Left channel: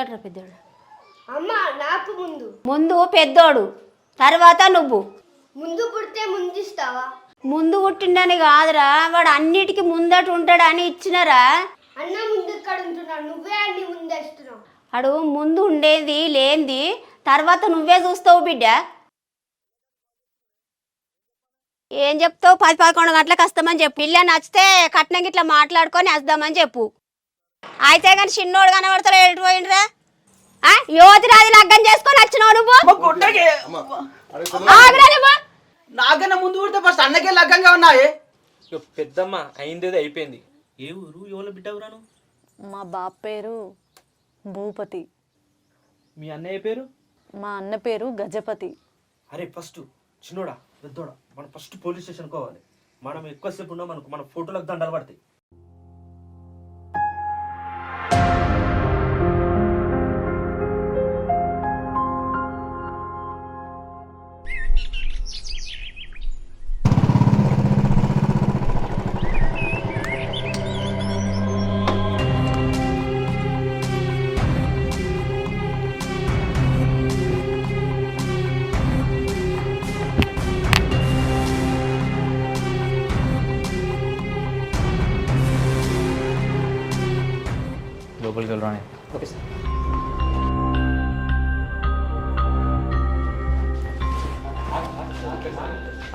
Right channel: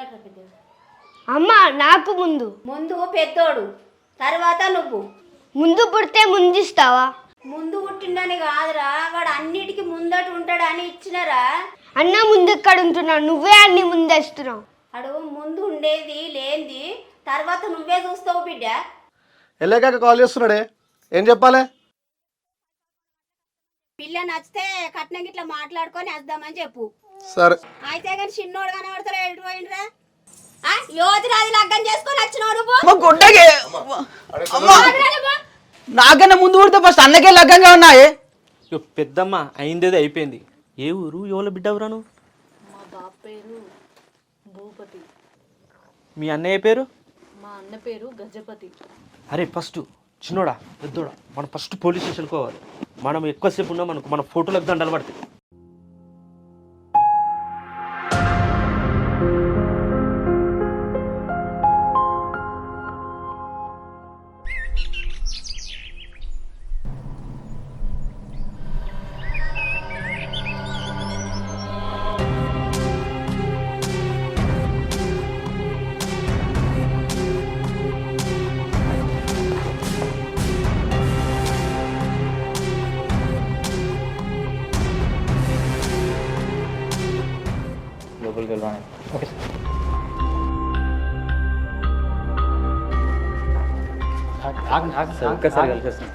ఏట్రా పెద్దోడు? అమ్మ నాకు ముందు పెద్దోడు, తర్వాత నువ్వు. ముందు పుడితే ముందిస్తావా? ముందు పుట్టిండని కాదురా, వాడు అన్నిటికీ ముందట ఉంటాడని ఇచ్చినరా. అన్న ముందెక్కడ ఉంటున్నావు? నువ్వే అన్ని ముందేస్తున్నావు. అడు ముందు ఉండేది లేనిది తర్వాత నువ్వే చూస్తావు బిడ్డ. ఎల్లేకాక కాల్ చేస్తున్నాడే, ఏం చెప్పాలి? ఏం చెప్తావు? 10-11 గంటలకు వస్తామని చెప్పు. పిల్ల నచ్చితే కట్నం గిట్లా మాట్లాడుకొని వద్దామని చెప్పు. సరే అయితే కానీ చిన్నోడు కనబడతారా? ఎటు పోయిండ్రా? యువతిరాది లగ్గం చేసుకొని వచ్చినావు నువ్వు. ఆగురా నువ్వు. నాకన్నా ముందు ఊరితే ఫస్ట్ అన్నకే లగ్గంగా ఉన్నాయే. పెద్దమ్మ అయిందేదో అయిపోయింది. ఏ ఊరు, ఎవరు బిడ్డ ఎవరాను? మా బాబు పేరు భూపతి, మీ అన్నయ్య పేరు? మా అన్న పేరు గజపతి. అరే ఫస్ట్ చిన్నోడా పెద్దోడా, మనం ఫస్ట్ పోలీస్ స్టేషన్కి పోవాలి. మనం ఎక్కువసేపు ఉన్నాం అనుకో మన ఫోటోలకు దండలు పడతాయి.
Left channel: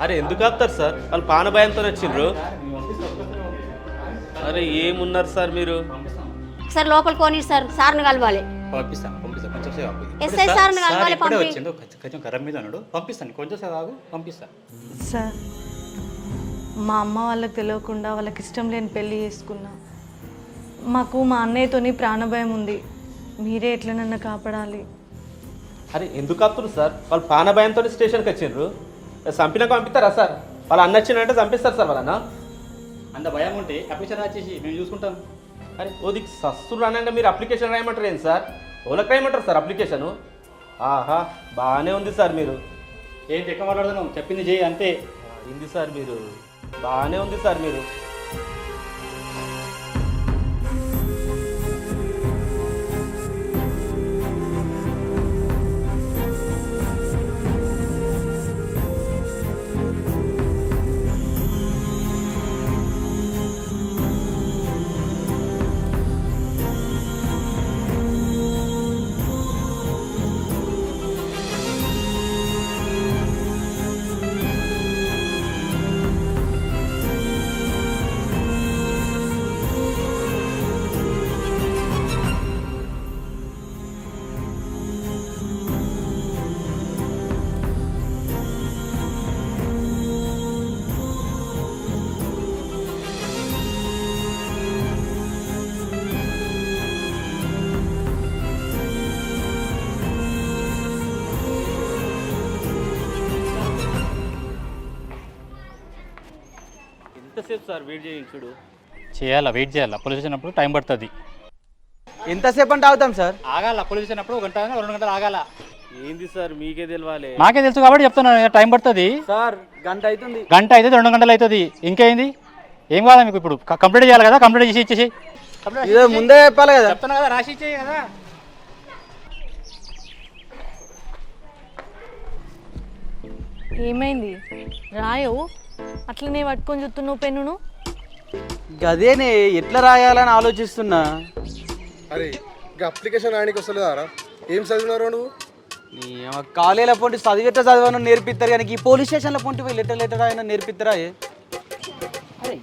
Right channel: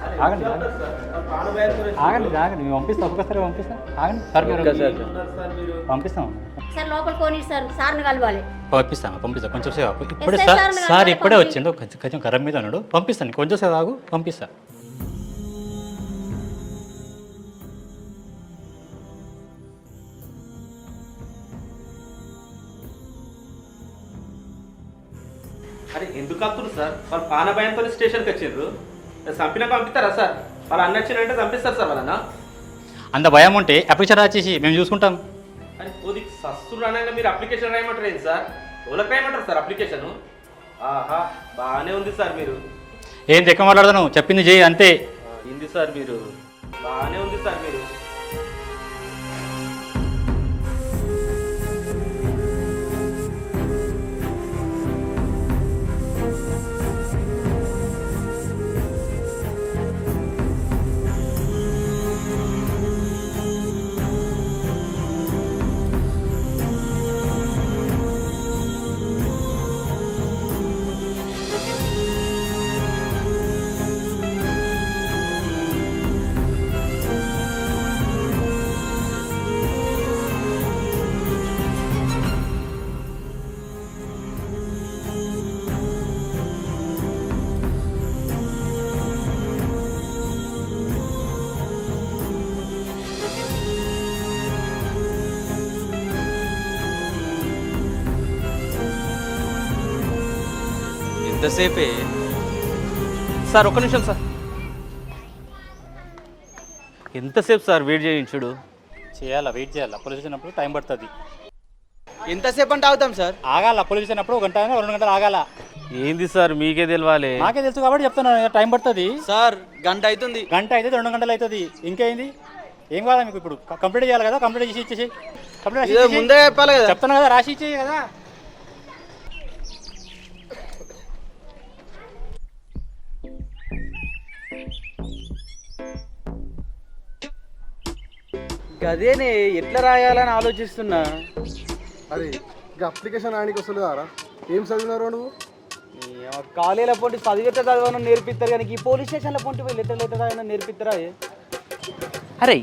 అరే ఎందుకు ఆపుతారు సార్? వాళ్ళు పానభయంతో వచ్చిండ్రు. ఏమున్నారు సార్ మీరు? సార్ లోపల కోని సార్, సార్ని కలవాలి. పంపిస్తాను కొంచెం సేపు ఇప్పుడే ఎస్ఐ సార్ని సార్ కలవాలి, ఇప్పుడే పంపి. వచ్చిండు, కొంచెం గరం మీద ఉన్నాడు. పంపిస్తాను కొంచెం సేపు ఆగు, పంపిస్తాను. సార్, మా అమ్మ వాళ్ళకి తెలియకుండా వాళ్ళకి ఇష్టం లేని పెళ్ళి చేసుకున్నా. మాకు మా అన్నయ్యతోని ప్రాణభయం ఉంది. మీరే ఎట్లా నన్ను కాపాడాలి. అరే ఎందుకు ఆపుతున్నారు సార్? వాళ్ళు పానభయంతో స్టేషన్కి వచ్చిండ్రు. చంపినాక పంపిస్తారా సార్? వాళ్ళు అన్న వచ్చిందంటే చంపిస్తారు సార్ వాళ్ళన్నా. అంత భయం ఉంటే అప్లికేషన్ రాసేసి మేము చూసుకుంటాం. అరే ఓది సస్తు రానంగా మీరు అప్లికేషన్ రాయమంటారు ఏంటి సార్? ఎవరికి రాయమంటారు సార్ అప్లికేషను? ఆహా బాగానే ఉంది సార్ మీరు. ఏం తెక్క మాట్లాడతాను, చెప్పింది చేయి అంతే. ఉంది సార్ మీరు, బాగానే ఉంది సార్ మీరు. ఎంతసేపే సార్ ఒక్క నిమిషం సార్. ఎంతసేపు సార్ వెయిట్ చేయించుడు? చేయాలా, వెయిట్ చేయాలా. పోలీస్ వచ్చినప్పుడు టైం పడుతుంది. ఎంతసేపు అంటే ఆగుతాం సార్? ఆగాల, పోలీస్ వచ్చినప్పుడు 1 గంట 2 గంటలు ఆగాల. ఏంది సార్ మీకే తెలియాలి? నాకే తెలుసు కాబట్టి చెప్తున్నాను, టైం పడుతుంది. సార్ గంట అవుతుంది. గంట అయితే 2 గంటలు అవుతుంది. ఇంకేంది, ఏం కాదా మీకు? ఇప్పుడు కంప్లీట్ చేయాలి కదా, కంప్లీట్ చేసి ఇచ్చేసి. ముందే చెప్పాలి కదా. చెప్తాను కదా, రాసి ఇచ్చేయి కదా. ఏమైంది రాయవు? అట్లనే పట్టుకొని చూస్తున్నావు పెన్నును. గదేనే ఎట్లా రాయాలని ఆలోచిస్తున్నా. అరే అప్లికేషన్ రాయడానికి వస్తలేదా? ఏం చదివినారా నువ్వు? కాలేజీలో పొంటి చదివేట చదవను నేర్పిస్తారు కానీ ఈ పోలీస్ స్టేషన్లో పొంటి పోయి లెటర్ అయినా నేర్పిస్తారా? అరే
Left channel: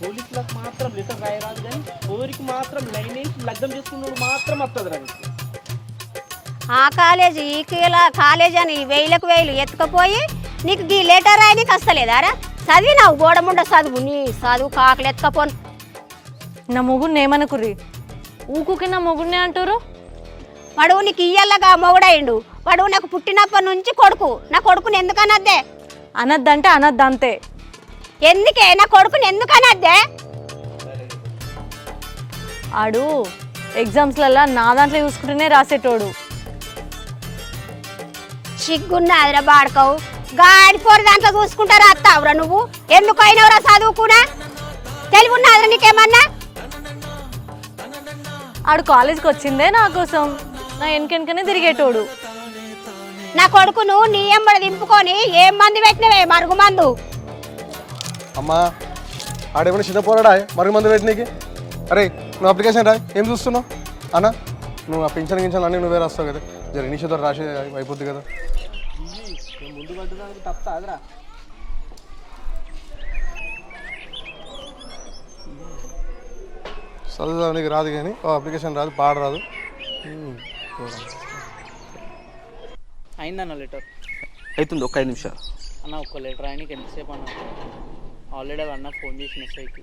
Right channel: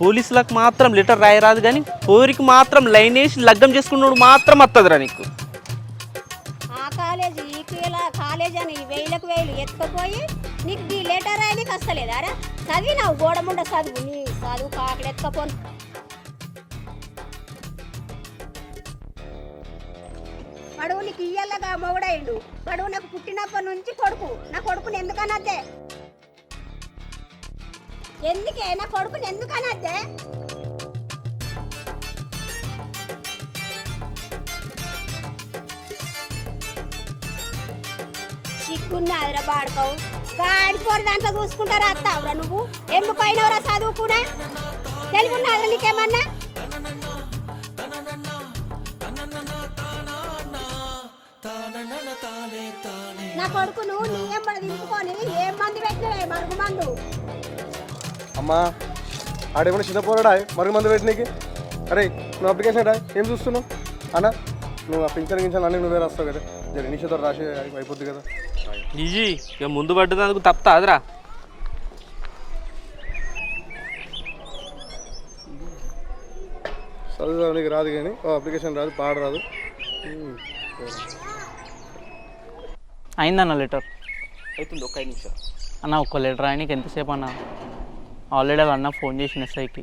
పోలీసులకు మాత్రం లెటర్ రాయరాదు కానీ పోరికి మాత్రం లైన్ వేసి లగ్గం చేసుకున్నాడు మాత్రం వస్తుందిరా నీకు. ఆ కాలేజీ ఈ కాలేజీ అని 1000 ఎత్తుకపోయి నీకు ఈ లెటర్ రాయనికి వస్తలేదారా? చదివినావు గోడముండ చదువు, నీ చదువు కాకలు ఎత్తుకపోను. నా మొగుడిని ఏమనుకుర్రి? ఊకుకి నా మొగుడినే అంటారు. వాడు నీకు ఇయ్యల్లగా మొగుడయిండు. వాడు నాకు పుట్టినప్పటి నుంచి కొడుకు. నా కొడుకుని ఎందుకనద్దే? అనద్దంటే అనద్దంతే. ఎందుకే నా కొడుకుని ఎందుకనద్దే? ఆడు ఎగ్జామ్స్లల్లా నా దాంట్లో చూసుకుంటూనే రాసేటోడు. సిగ్గున్నాదిరా బాడుకోవు. గాడిపోరు దాంట్లో చూసుకుంటారా అత్తావురా నువ్వు? ఎందుకైనవరా చదువుకున్నా? తెలివి ఉన్నదిరా నీకేమన్నా? ఆడు కాలేజ్కి వచ్చిందే నా కోసం. నా వెనకనే తిరిగేటోడు. నా కొడుకును నీ ఎంబడి దింపుకొని ఏం మంది పెట్టినవే మరుగు మందు. అమ్మా ఆడేమన్నా చిన్న పోరాడా మరుగు మందు పెట్టినకి? అరే నువ్వు అప్లికేషన్ రా, ఏం చూస్తున్నావు అన్న? నువ్వు ఆ పెన్షన్ గించాలు అన్నీ నువ్వే రాస్తావు కదా, జర ఇనిషియేటర్ రాసి అయిపోద్ది కదా. ఈజీ ఇక ముందు పడ్డదందుకు తప్పుతాదిరా. చదువుదానికి రాదు కానీ అప్లికేషన్ రాదు, పాడ రాదు. అయిందన్న లెటర్. అవుతుంది ఒక 5 నిమిషాలు. అన్న ఒక్క లెటర్ ఆయనకి ఎంతసేపు అన్న? ఆల్రెడీ అన్న ఫోన్ చేసిన ఎస్ఐకి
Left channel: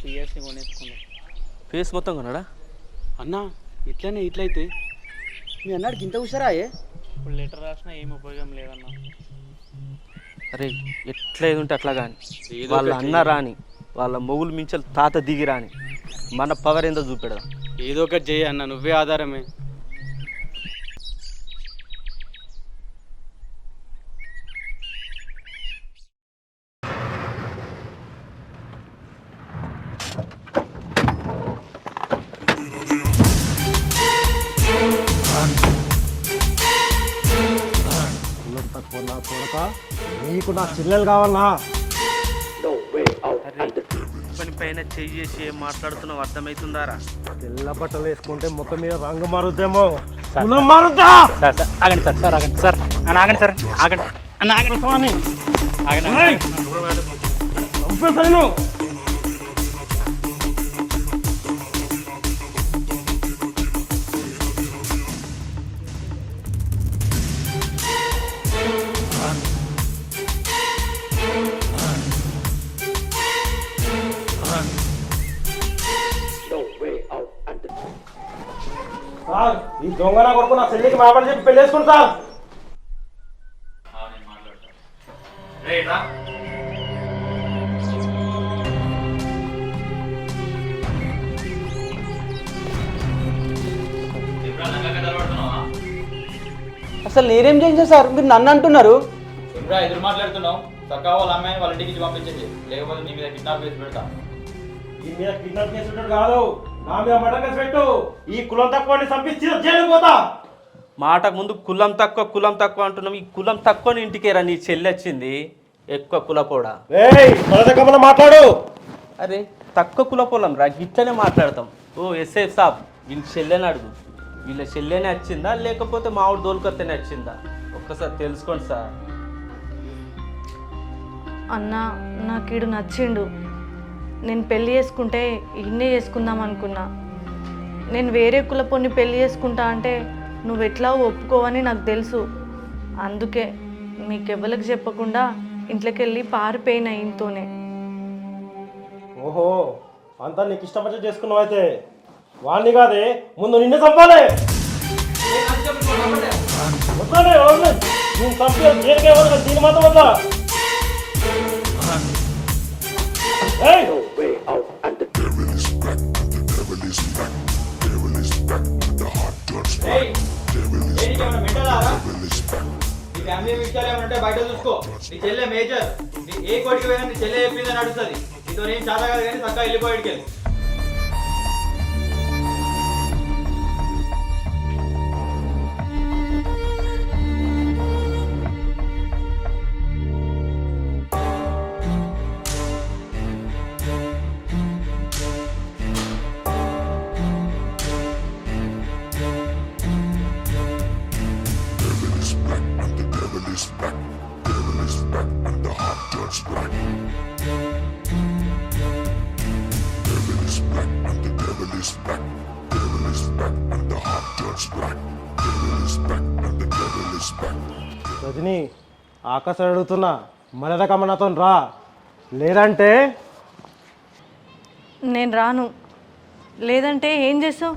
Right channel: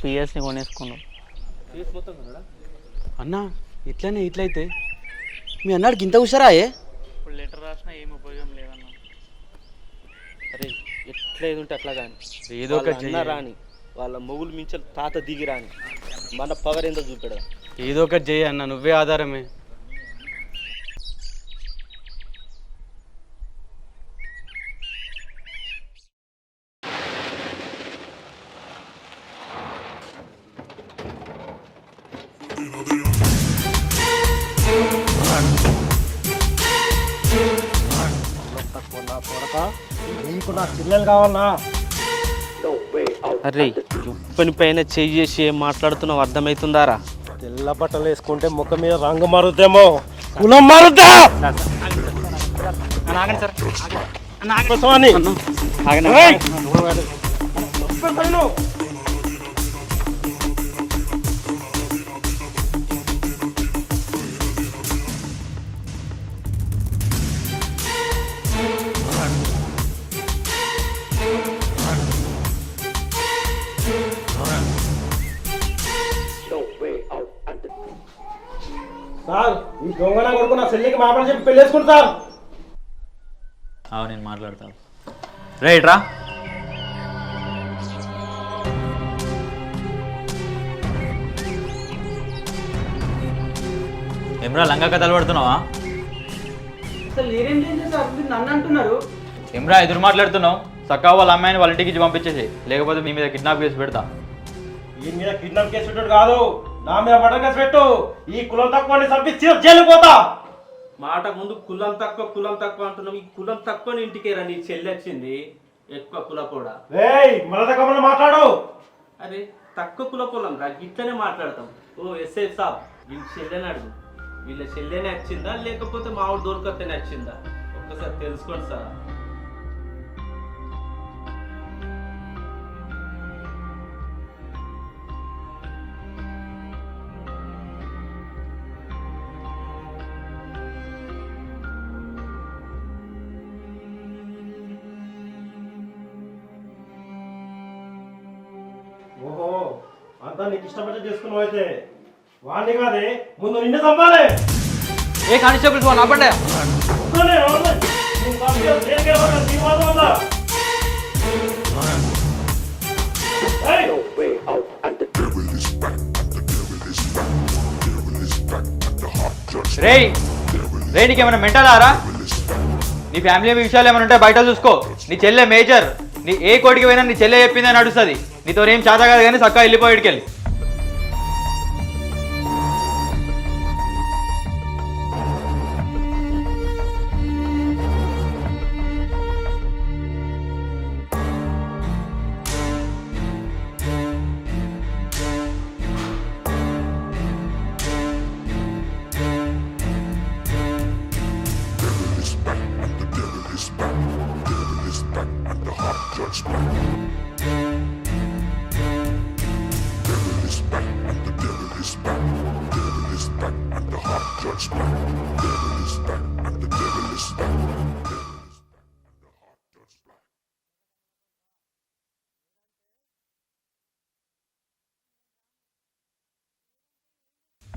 పిఎస్ని కొనేసుకున్నాం. ఫేస్ మొత్తం కొన్నాడా? అన్న ఇట్లానే ఇట్లయితే మీ అన్నాడికి ఇంత హుషారా? ఇప్పుడు లెటర్ రాసినా ఏం ఉపయోగం లేదన్న. అరే ఎట్లా ఏది ఉంటే అట్లా కానీ వాళ్ళ అన్న రాని, వాళ్ళ మొగులు మించలు తాత దిగి రాని, మన పవర్ ఏందో చూపెడదాం. ఏదో ఒకటి చేయి అన్న, నువ్వే ఆధారమే. నీకు నా చెల్లెలు కావాలా? అరే ఉప్పని పైన చేయి చేసి ఏం మాట్లాడుతున్నావు అర్థమవుతుందారా? తెల్ల బట్టలు వేసుకుంటే ముఖం మీద రంగు మారుద్దేమో, కులం మారుద్దా? ఆగండి సార్, సార్ ఆగండి సార్, అన్న ఆగండి సార్, ఆగండి అన్న, ఆగండి స్వామి. ఆగండి. ఈ దొంగ నా కొడుకు నా చెల్లికి మామూలు చెప్పి పెళ్లి చేసుకుంటారు. నేను మాట్లాడతాను. రైట్ రా. ఏమ్రా లంగా కథలు పడుతున్నావా? అసలు నేనేం చేశాను సార్, మీరు నన్ను అంటున్నారు? ఏమ్రా ఎదురు మాట్లాడుతున్నావు? చక్కగా వాళ్ళ అమ్మాయిని వాళ్ళ ఇంటికి ఇచ్చి పంపించేసి, లేకపోతే మీ మీద కిడ్నాప్ చేసి పెడతా. ఈ మీద కిడ్నాప్ కేసు పెట్టాడు కాదు, నా మీద మర్డర్ కేసు పెట్టు. ఈ కులం తక్కువ చంపించి జైలుకు పోతా. మాటకు ముందు కులం తక్కువ అంటున్నాం. ఈ కులం తక్కువ ఇంటికేరా నీ చెల్లి వచ్చింది, ఎక్కువ కులపోడా. మాట్లాడు. అరే తక్కువ కులపోలం రా, గిట్లనే మాట్లాడతాం. ఓ ఎస్ఐ సాబ్, వీళ్ళ చెల్లెని అడుగు. వీళ్ళ చెల్లెనే వచ్చిందా లేకపోతే మామూలు దోలుకత్తేనే వచ్చిందా? ఒక్కసారి తెలుసుకోండి సార్. అన్న నాకు ఈడు నచ్చిండు. నేను పెళ్ళి చేసుకుంటే ఇన్నే చేసుకుందాం అనుకున్నా. నేను వేరే కులపోని పెళ్ళి చేసుకుంటా అంటే నువ్వు ఎట్లా ఒప్పుకోవని నాకు తెలుసు. అందుకే మీకెవ్వరికి చెప్పకుండా ఇంట్లోకి వెళ్ళి పారిపోయిన ఇంతోనే. ఓహో, అంతా నీకు ఇష్టపడి చేసుకున్నావు అయితే. వాణ్ణి కాదే, ముందు నిన్ను చంపాలి. ఏ కానిస్టేబుల్స్ వాళ్ళు ఆపండి. రేయ్ రే, నీకేమైనా మెంటల్ ఆరా? నీ ఫ్యామిలీ విషయాలు ఏమైనా ఉంటే బయట చూసుకో. నీ చెల్లె మేజర్, నీ ఏ కోటికి పోయినా నీ చెల్లె చెప్పిందే నడుస్తుంది. నీతో ఏం చేత కాదు కానీ చక్కగా వెళ్ళిపోయేటికెళ్ళి. రజని, ఆకాశం అడుగుతున్నా, మర్యాద కమ్మనాతో రా, లేదంటే నేను రాను. లేదంటే ఏం చేస్తావు?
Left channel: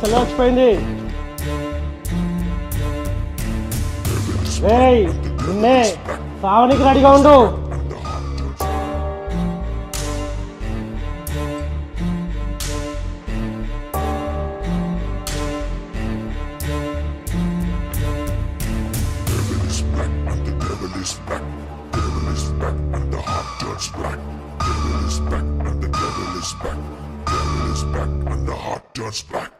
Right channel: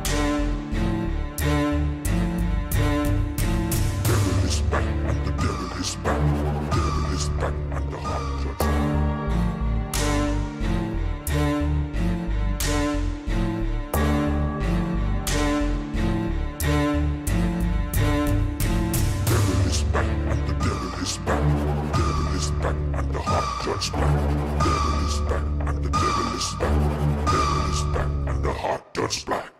సెలవుపోయింది. నిన్నే సావనికి రెడీగా ఉండు. Dust black.